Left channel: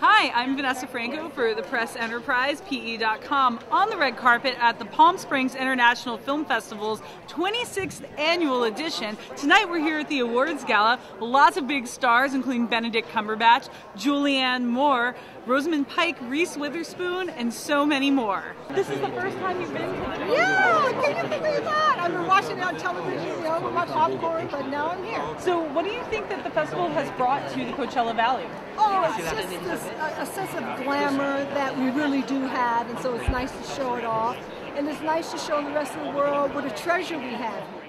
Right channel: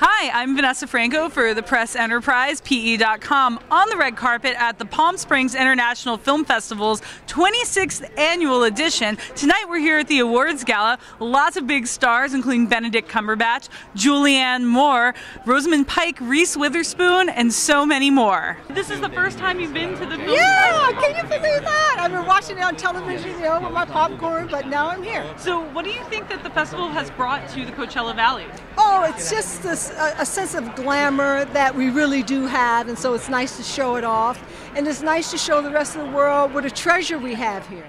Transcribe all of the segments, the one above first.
Hi, I'm Vanessa Franko for the Press Enterprise, PE.com, on the red carpet at the Palm Springs International Film Festival's 26th annual edition. Tonight we're here at the awards gala. Lots of big stars, including Benedict Cumberbatch, Julianne Moore, Rosamund Pike, Reese Witherspoon, and so many more. This is the first time you've been to the film festival? Can you believe that? I've been watching it on television, with my popcorn, but now I'm here. So what do you think that the festival has brought to the Coachella Valley? Oh, it's just a sense of glamour that we really do have, and so it's nice to show it off, and it's nice to show the rest of the world what a treasure we have here.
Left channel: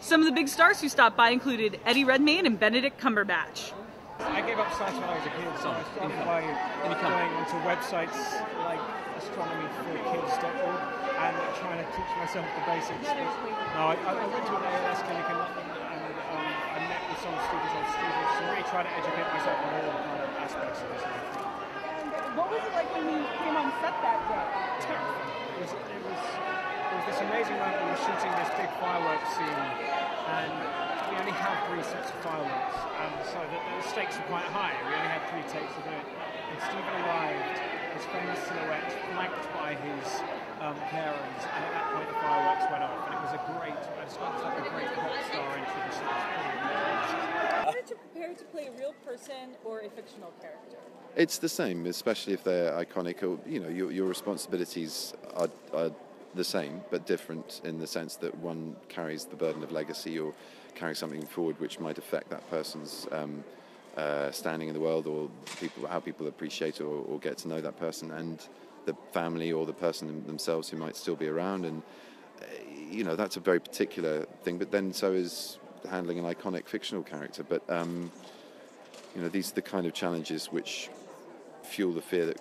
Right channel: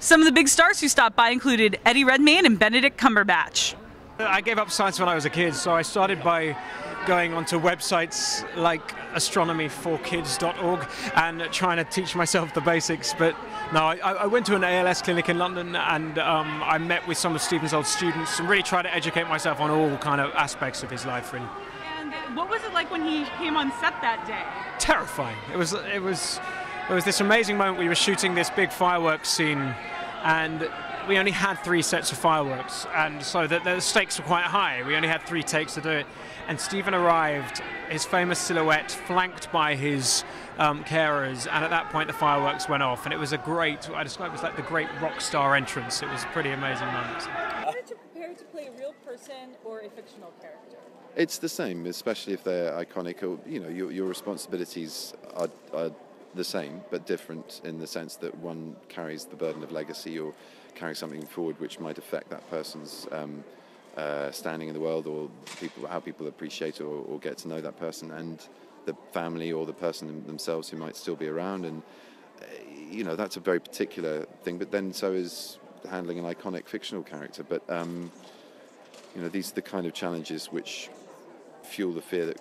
Some of the big stars who stopped by included Eddie Redmayne and Benedict Cumberbatch. I gave up science when I was a kid, so I started by going onto websites like astronomy4kids.org and trying to teach myself the basics. But no, I went to an ALS clinic in London, and I met with some of Stephen's old students and really tried to educate myself on all kind of aspects of his life, really. And what was it like when he came on set that day? Terrifying. It was this amazing moment. We were shooting this big fireworks scene, and we only had 3 sets of fireworks, and so the stakes were quite high. We only had 3 takes to do it, and Stephen arrived, his famous silhouette flanked by his carers, and at that point the fireworks went off, and it was I describe it as like the great rock star entrance. It was a pretty amazing moment. How did you prepare to play a real person or a fictional character? It's the same, especially if they're iconic, or your responsibilities are the same but different, in the sense that one carries the burden of legacy or carries something forward which might affect that person's standing in the world, or how people appreciate or get to know that person, and the family or the person themselves who might still be around. And that's a very particular thing, but then so is handling an iconic fictional character. But these are the kind of challenges which fuel the fear that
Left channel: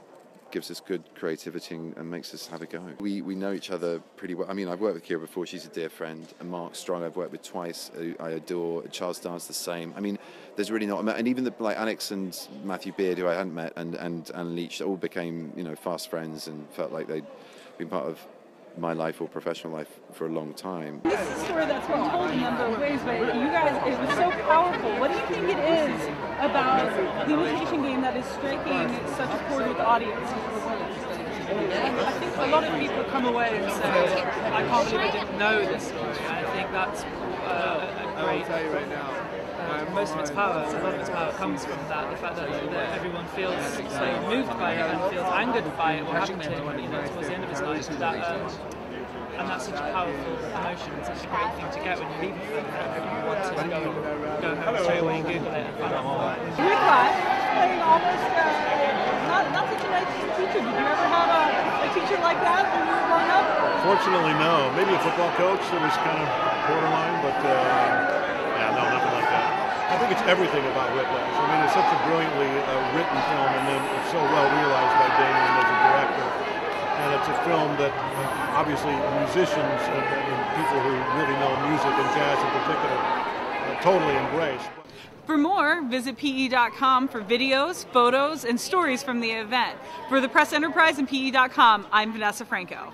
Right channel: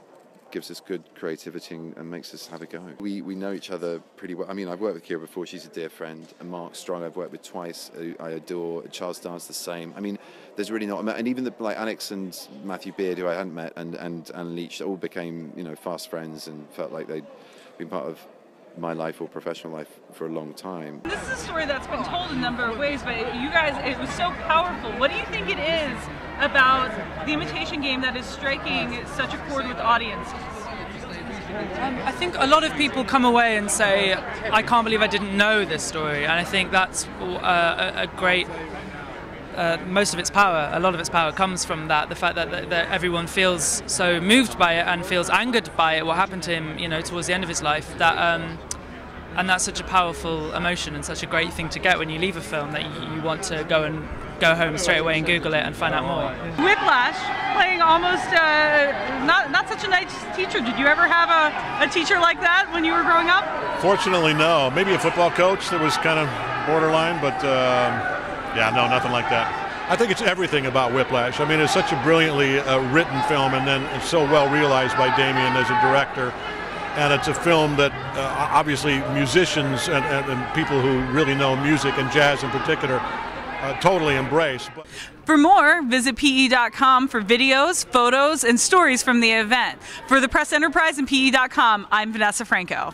gives us good creativity and makes us have a go. We know each other pretty well. I mean, I've worked with Kira before, she's a dear friend, and Mark Strong I've worked with twice, who I adore. Charles Dance the same. I mean, there's really not, and even like Alex and Matthew Beard, who I hadn't met, and Leach, all became fast friends and felt like they'd been part of my life or professional life for a long time. This is a story that's been told a number of ways, but you guys, it was so powerful. What do you think it is about the Imitation Game that is striking such a chord with audiences? I think a lot of people come away and say, I can't believe I didn't know this story, and I think that's a great, most of its power, a lot of its power comes from that, the fact that everyone feels so moved by it and feels angered by it, what happened to him, towards the end of his life, and that's such a powerful emotion and such a great thing to get when you leave a film, that you want to go home straight away and Google it and find out more. Whiplash, playing almost not such a nice teacher. Did you ever have a teacher like that when you were growing up? Fortunately, no. Maybe a football coach that was kind of borderline, but yeah, no, nothing like that. I think it's everything about Whiplash. I mean, it's such a brilliantly written film, and then it's so well realized by Damien as a director. And it's a film that obviously musicians and people who really know music and jazz in particular totally embrace. For more, visit PE.com for videos, photos, and stories from the event. For the Press Enterprise and PE.com, I'm Vanessa Franko.